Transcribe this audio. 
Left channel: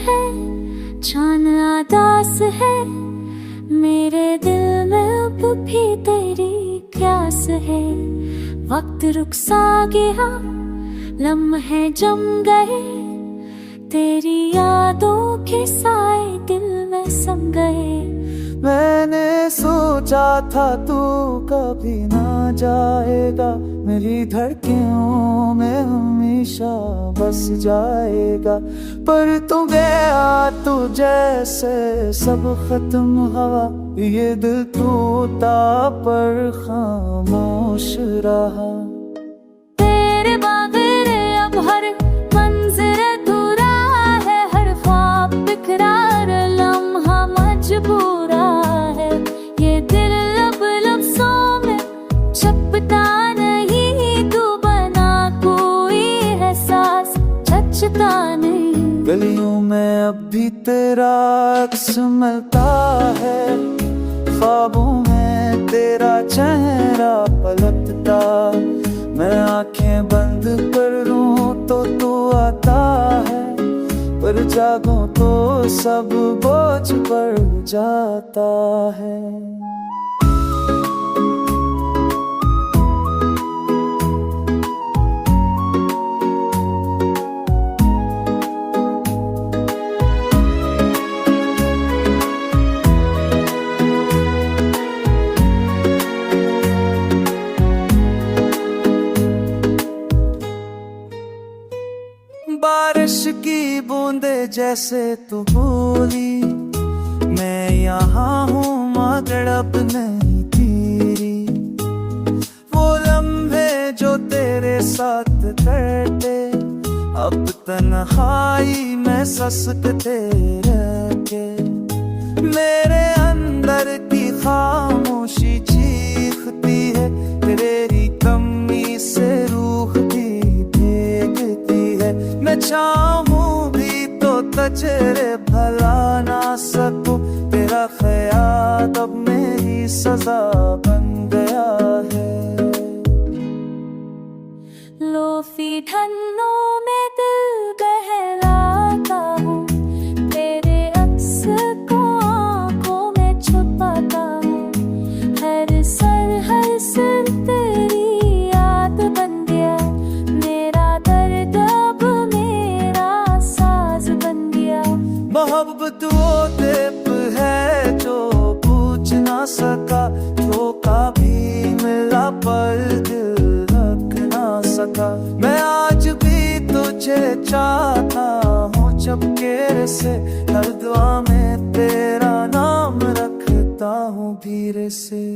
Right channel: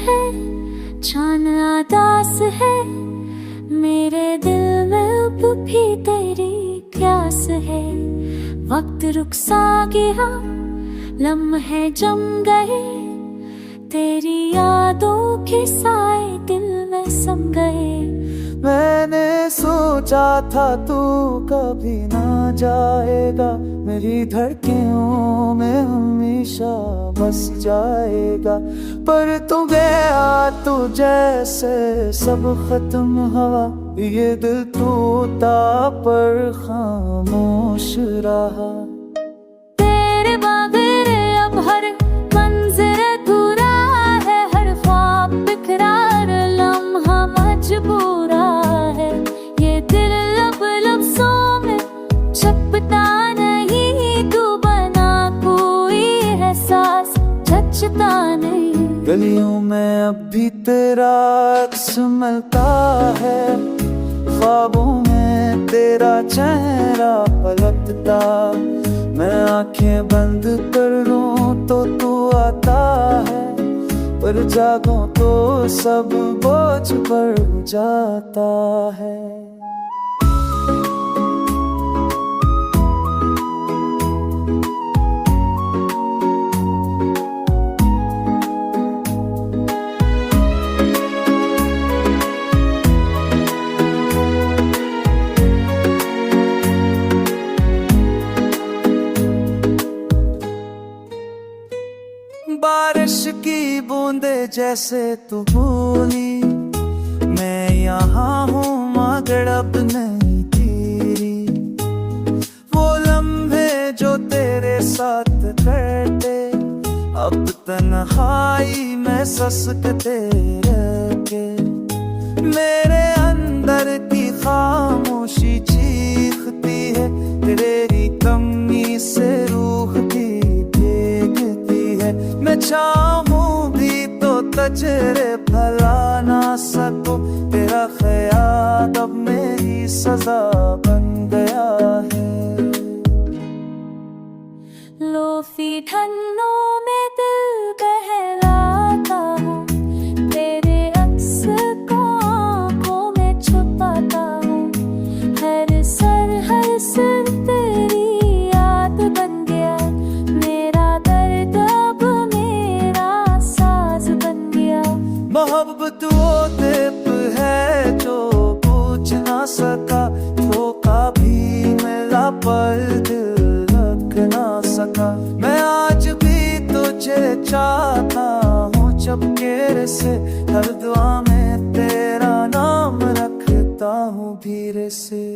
है, जान आदास है, मेरे दिल में अब भी तेरी प्यास है। वक्त रुक सा गया, लम्हे जम गए, तेरी यादों के साए दिल में सम गए। मैंने सोचा था तू कभी ना जाएगा, मेरी धड़कनों में हमेशा बस जाएगा। पर तू गया तू जैसे सब खत्म हुआ, ये दिल टूटा पर खामोश रहा। तेरे बगैर अब हर मंजर अधूरा है, हर ख्वाब बिखरार लम्हा मजबूरा है। ये दिल लब लफ्ज़ों में छपता नहीं, तू बना कोई एहसास जचता नहीं। गलियों में अब भी तेरा अक्स मिलता है, ख्वाबों में तेरा चेहरा पलटता। मैं आंखें बंद कर लूं तो तू आता है, पर जागूं तो सब बोझ बढ़ जाता है। बारिश की बूंदे जैसे तू बोली, मैं यहाँ हूँ मगर अब नहीं तेरी। वो लम्हे जो तेरे साथ कटे, अब तन्हाई में ससकते रहके। मेरे अंदर की खामोशी चीखती है, तेरी कमी से रूह भी भीगती है। मैं चाहूं भी तो तजरे भला ना सकूं, तेरा ख्याल अब मेरी सजा बन गया है। लोफी ठन्नों में दिल बहलाता हूँ, तेरे अक्स को आँखों में छुपाता हूँ। हर सर तेरी याद बन गया, मेरा दर्द अब मेरा साज बन गया। मोहब्बत वो दीप है जो पूछ ना सका, धोखा भी मिला पर दिल रख ना सका। मैं आज भी तुझे चाहता हूँ चपके से, हर दुआ में तेरा नाम रखता हूँ धीरे से।